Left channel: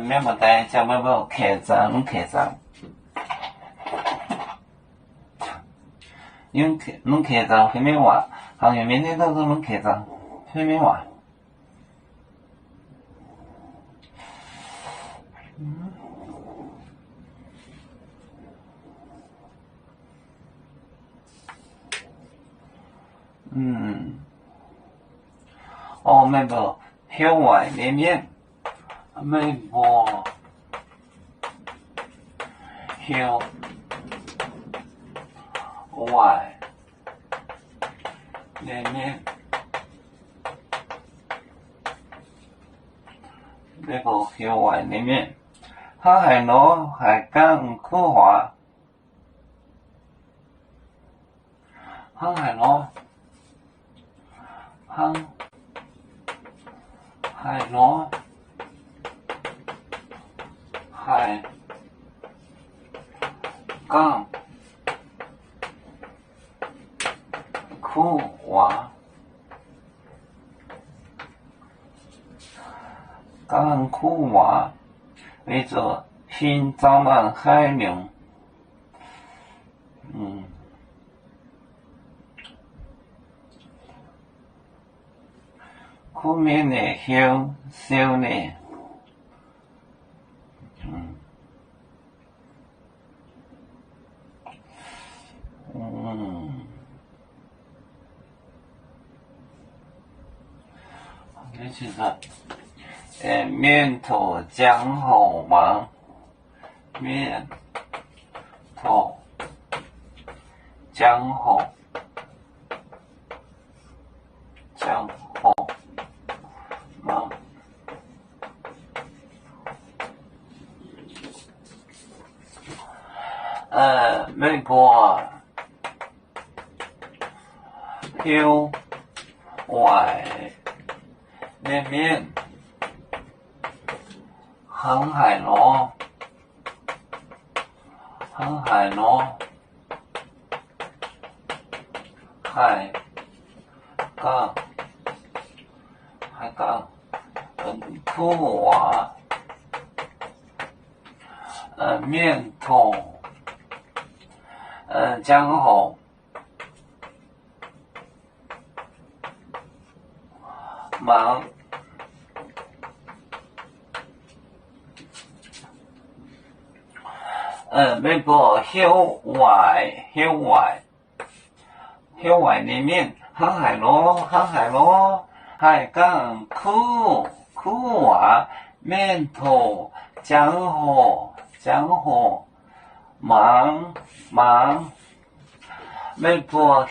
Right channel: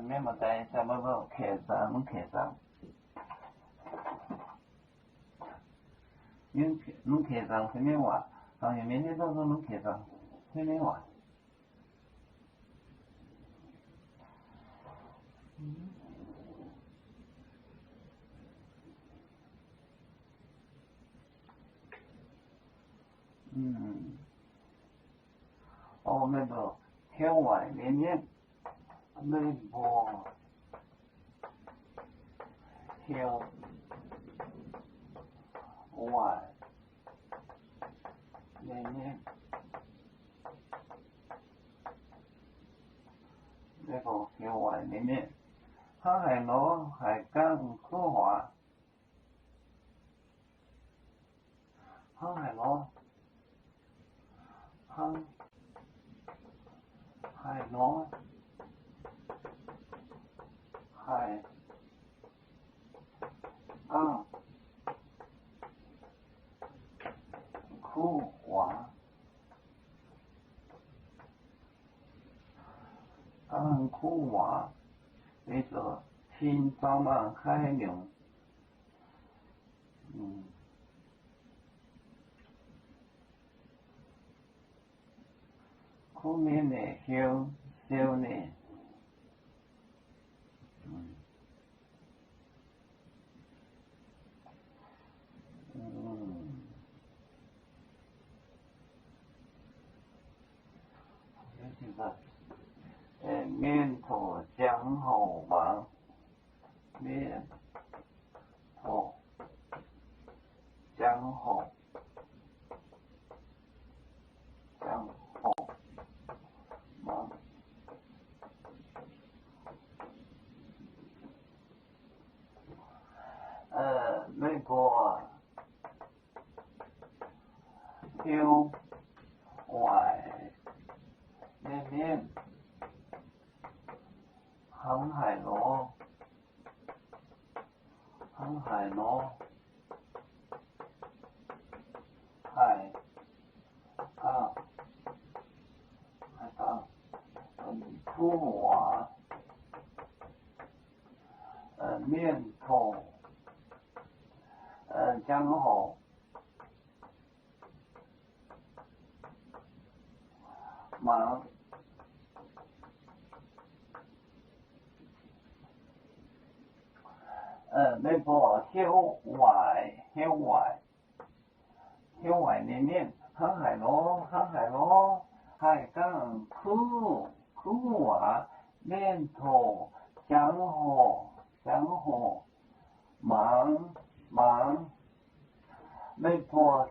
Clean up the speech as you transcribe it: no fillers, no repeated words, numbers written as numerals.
免不带叫不不开张开张，因为侬开张后面话，行业面对到是侬开张后面话。哦，没不，校外里面，没不，校外里面，没不校外里面，他还攞係講科話，他係攞，他係攞，係講科話。講科話為做新招攬海量，後面的小呢，這其實。面頭江好忙，面頭江好忙，美國校外裏面。航海螺，海港，科話，面頭，江好，忙。美國校外裏面，航海螺，海港科話，面頭江好，忙，美國。